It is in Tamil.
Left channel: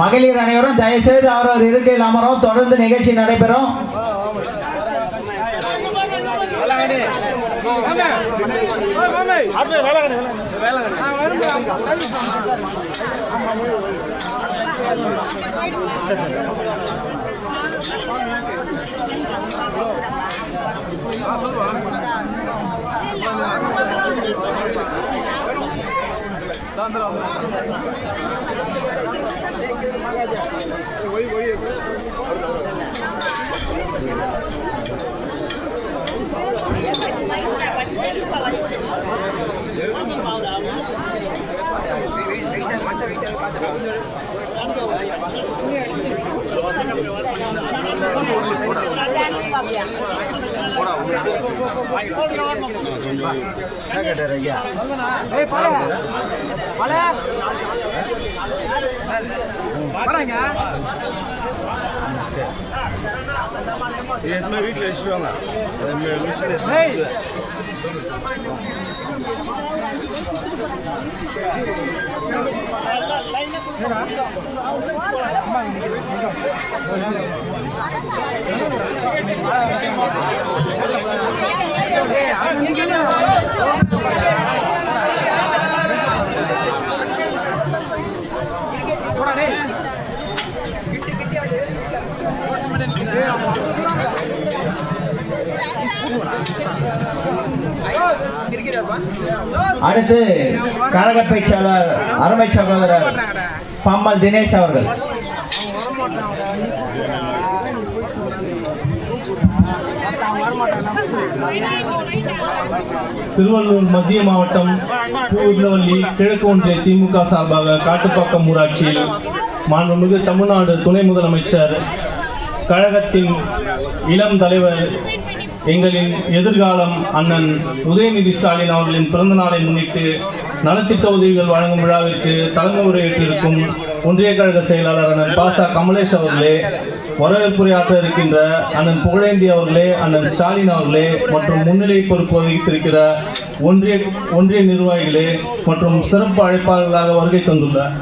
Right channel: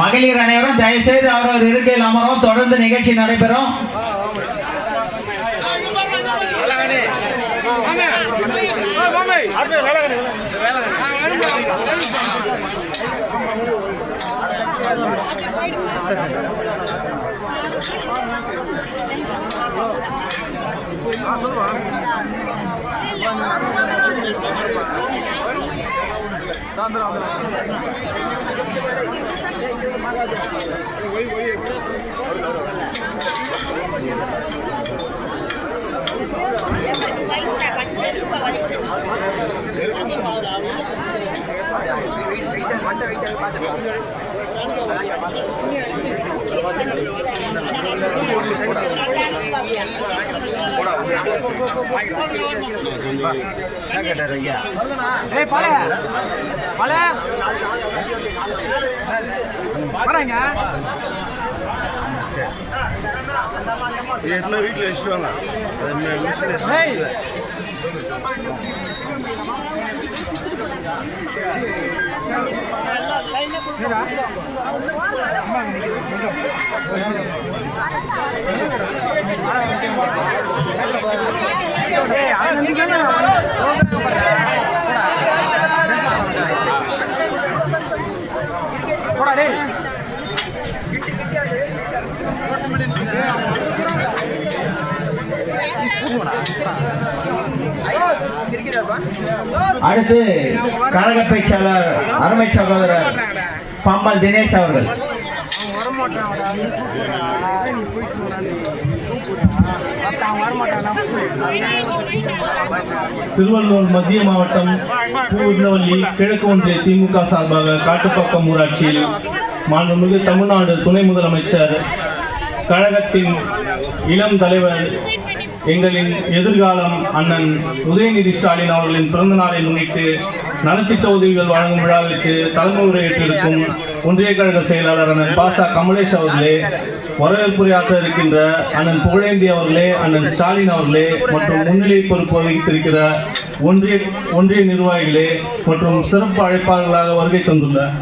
மகளிர் அனைவரும் தயவுசெய்து அவரவர் இருக்கையில் அமரும். தொடர்ந்து நிகழ்ச்சி நடைபெறும். வீட்டுல வச்சுருவாங்க. அடுத்து கழக பேச்சாளர் அருமை சகோதரர் பம்மல் தினேஷ் அவர்கள். திருவள்ளூர் மத்திய மாவட்டம் பூவிருந்தவல்லி கிழக்கு ஒன்றிய திமுக சார்பாக காட்டுப்பாக்கம் ஊராட்சியில் மாண்புமிகு தமிழ்நாடு துணை முதலமைச்சர் கழகத்தின் இளம் தலைவர் எங்களின் எதிர்காலம் அண்ணன் உதயநிதி ஸ்டாலின் அவர்களின் பிறந்த நாளை முன்னிட்டு நலத்திட்ட உதவிகள் வழங்கும் விழாவிற்கு தலைமை உரையேற்றிருக்கும் ஒன்றிய கழக செயலாளர் அண்ணன் பாசா கமலேஷ் அவர்களே, வரவேற்புரையாற்ற இருக்கின்ற அண்ணன் புகழேந்தி அவர்களே, அண்ணன் ஸ்டாலின் அவர்களே மற்றும் முன்னிலை பொறுப்பு வகித்திருக்கிற ஒன்றிய நிர்வாகிகளே மற்றும் சிறப்பு அழைப்பாளர்களாக வருகை தந்துள்ளார்.